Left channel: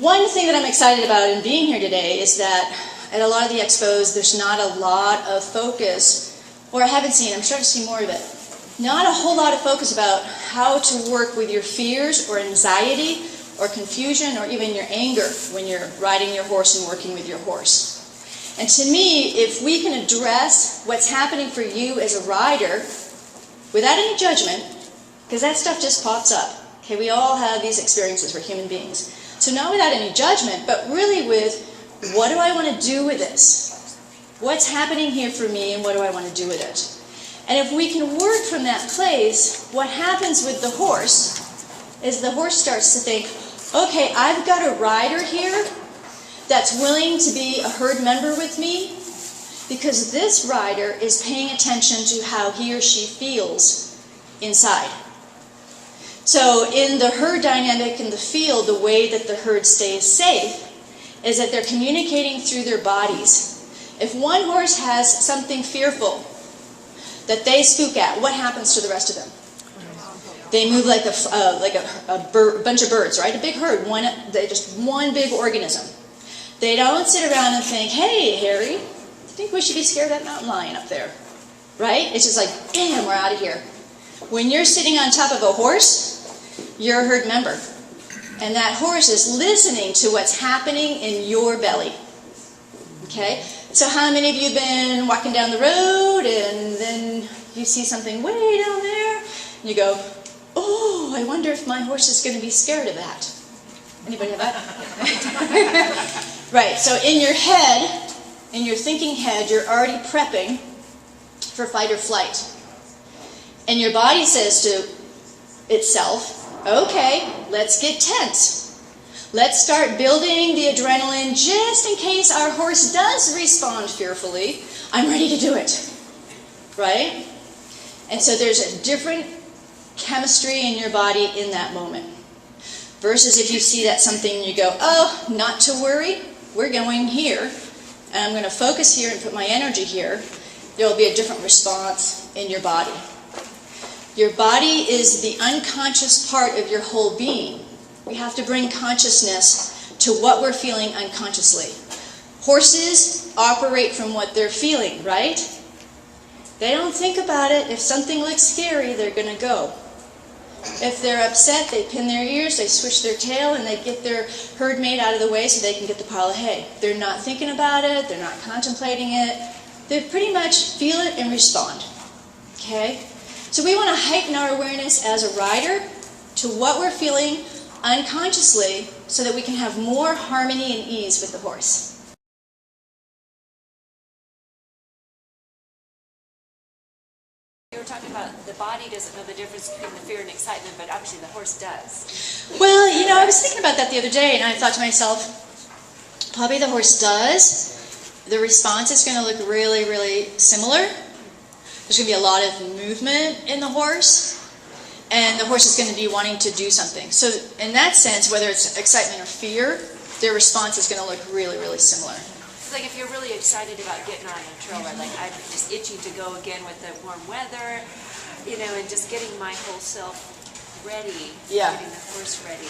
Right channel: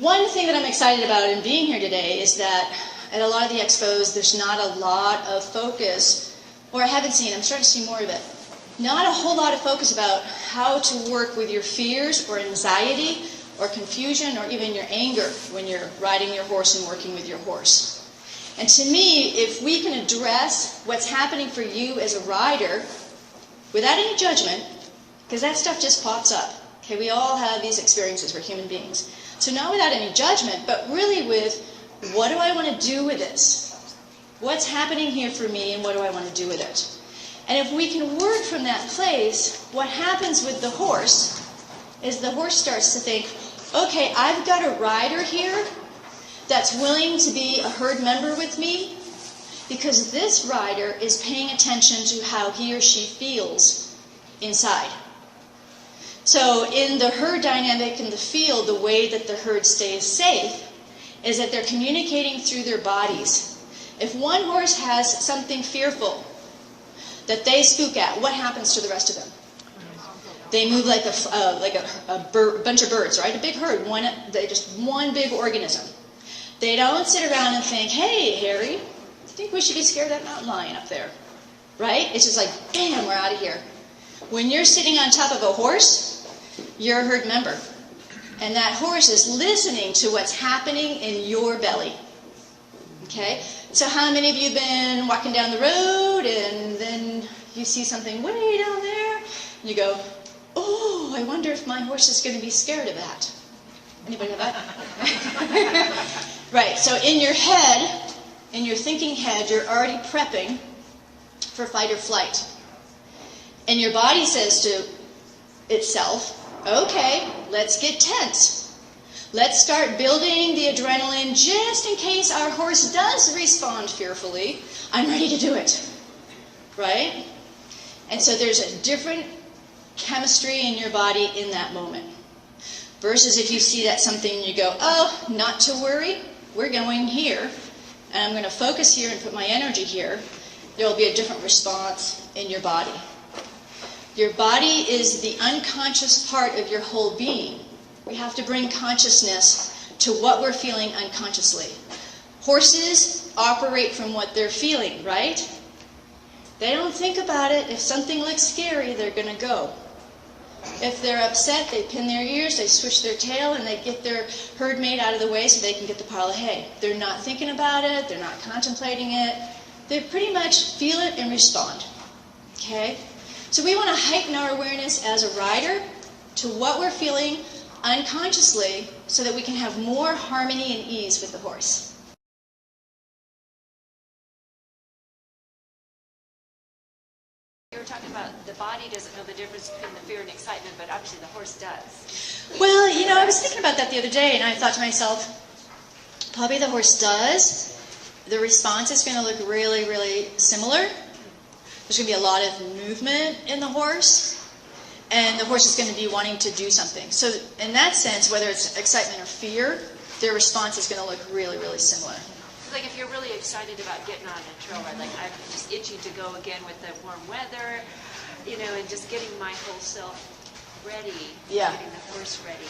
One thing that I'm excited about in being here today is that at a lot of the expos, there's not a lot of focus, or I haven't seen, I'm starting to see more of it, not a whole lot of focus about how to work with your fears or anxiety or confusion or even your anger when you're riding your horse and working with your horse. And to me, if we can address what's happening for you as a rider without any judgment, because that stuff just pops up. Okay, we all have these experiences, we're human beings. So not without any judgment, but really with, what do I want to do with this? What's happening here for me and what do I want to do with it? And if we can work from that place, what happens with the horse is the horse starts to think, okay, I've got a rider here that's willing to be a herd member with me because this rider is paying attention to how he or she feels inside. So in the herd dynamic in the field, the way that the herd stays safe is that they're communicating through their bodies. If one horse has something fearful that they spook at, what happens to the rest of them? They move like a bunch of birds, right? A big herd, just one big organism. They don't sit around and think, hey, Harry, I think we should be scared of that mountain lion up there, right? It's just like, bam, we're out of here. When you're sitting on top of a horse, you're a herd member. And that horse is listening to what's happening in your belly. Okay? So how many of you have been walking down the road and then you see something way down there and you go, oh, I wonder if my horse is going to be scared of that. Anybody have that? Right, so in your head, in your thinking head, you're already prepping for fight or flight. And your body says to itself, okay, let's get tense. Let's start building the adrenaline just in case our horse does respond fearfully. I'm ready to do it, right? And so there's a different chemistry in your body in that moment. Versus if you see that something and you go, oh, not to worry, we're going here, and I'm going to focus here and put my energy here, there will be a different response in your body. Your body is the unconscious part of your whole being. We have to bring consciousness to what we're feeling unconsciously. Horses operate from what they're feeling, right? They don't think about it. If something looks scary, they're going to go. If they're upset, they pin their ears, they swish their tail, and they get their herd mate out of the way so they can get the pile of hay. They're not thinking about it. They're not contemplating it. They pretty much feel it and respond. Okay? So we want to heighten our awareness as a rider to what we're feeling unconsciously so that we can have more harmony and ease with the horse. You were talking about the body doesn't know the difference between the fear and excitement, but obviously the horse does. Well, you know, I was thinking about that the other day, and I thought to myself, probably the horse does. The response is going to look really, really similar. There's going to be a lot of movement in the horse, and the horse is going to be wanting to do something. So in that sense, whether it's excitement or fear, their response is going to look really, really similar. It's like if you're really excited about getting on a trail ride, like I'm just itching to go again with the warm weather, you know, and just getting my whole self ready, getting the horse ready.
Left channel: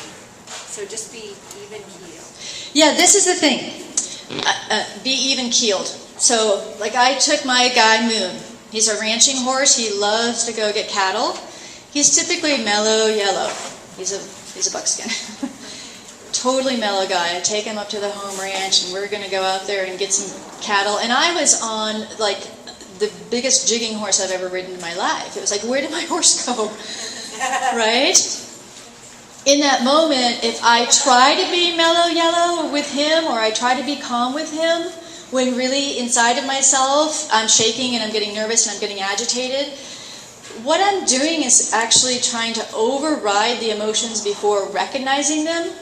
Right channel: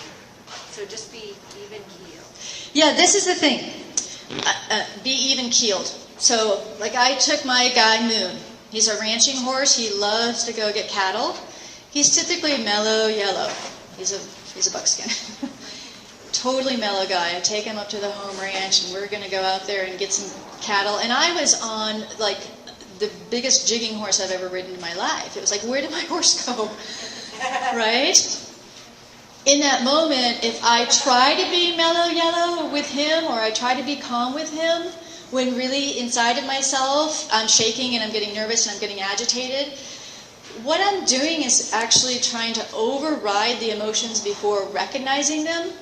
So just be even keeled. Yeah, this is the thing. Be even keeled. So, like I took my guy Moon. He's a ranching horse. He loves to go get cattle. He's typically mellow yellow. He's a buckskin. Totally mellow guy. I take him up to the home ranch and we're going to go out there and get some cattle. And I was on like the biggest jigging horse I've ever ridden in my life. It was like, where did my horse go? Right? In that moment, if I try to be mellow yellow with him or I try to be calm with him, when really inside of myself I'm shaking and I'm getting nervous and I'm getting agitated, what I'm doing is actually trying to override the emotions before recognizing them.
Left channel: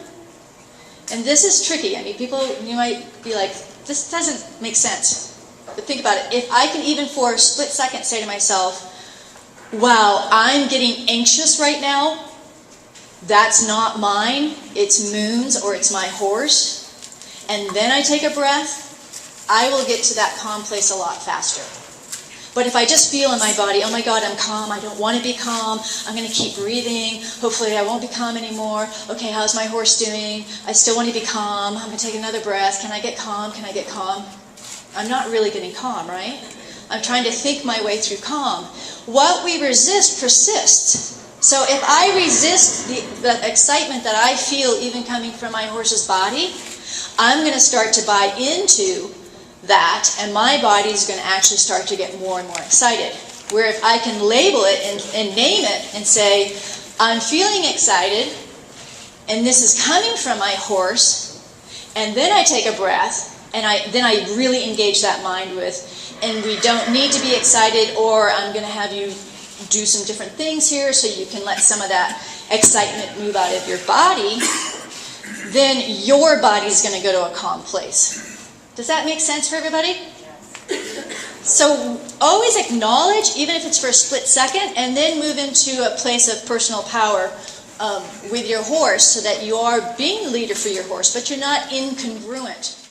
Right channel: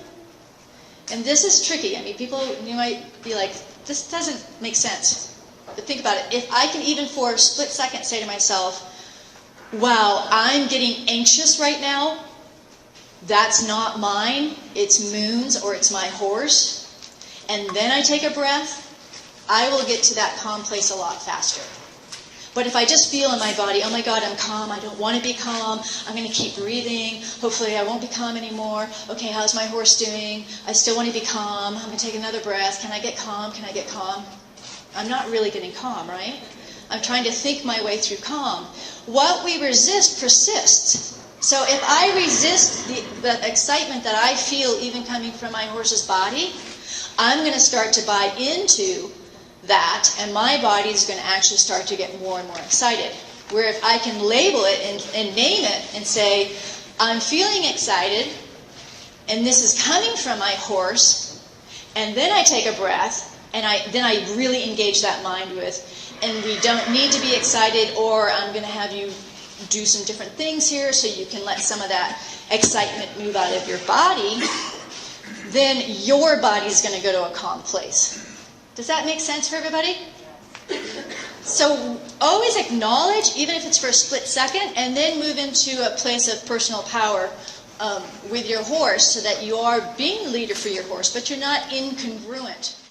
And this is tricky. I mean, people, you might be like, this doesn't make sense. But think about it. If I can even for a split second say to myself, wow, I'm getting anxious right now, that's not mine, it's Moon's or it's my horse, and then I take a breath, I will get to that calm place a lot faster. But if I just feel in my body, oh my God, I'm calm, I don't want to be calm, I'm going to keep breathing, hopefully I won't be calm anymore, okay, how's my horse doing, I still want to be calm, I'm going to take another breath, can I get calm, can I get calm? I'm not really getting calm, right? I'm trying to think my way through calm. What we resist persists. So if I resist the excitement that I feel even coming from my horse's body, I'm going to start to buy into that, and my body is going to actually start to get more and more excited. Where if I can label it and name it and say, I'm feeling excited, and this is coming from my horse, and then I take a breath, and then I really engage that mind with, and we don't need to be excited, or I'm going to have you do some different things here so you can let some of that excitement move out of your body, then your body is going to go to a calm place. Does that make sense for everybody? So always acknowledge, even if it's for a split second, and then move into a place of personal power with your horse so that you are being the leader for your horse, but you're not incongruent